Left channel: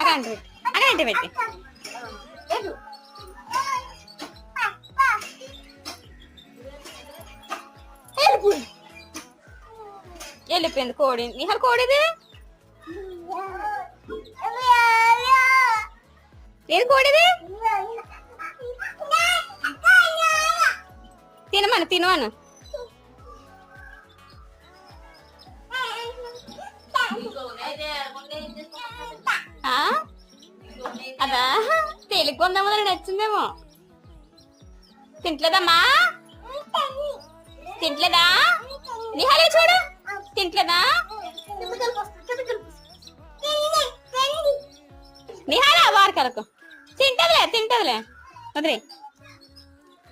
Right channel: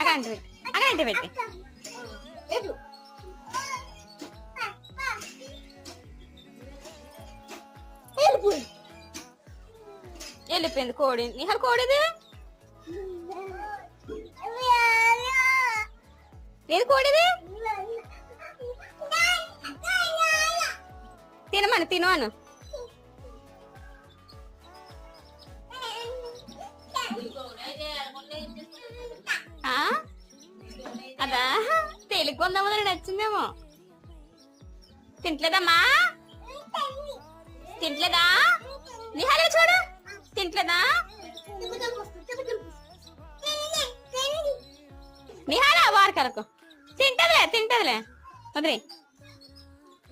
అగంటే పెట్టి వెళ్ళిపోయింది కోడి. నిహార్ కోడిది ఏది కోడిది? తినమను తినమను. అదా తేలిక కొందామో నచ్చిందేమో. తింటలేదమ్మా? తింటలేదా? నిహారి చూడు తింటలేదా? నిహారా వారు కరకు తింటదిలే వదిలే.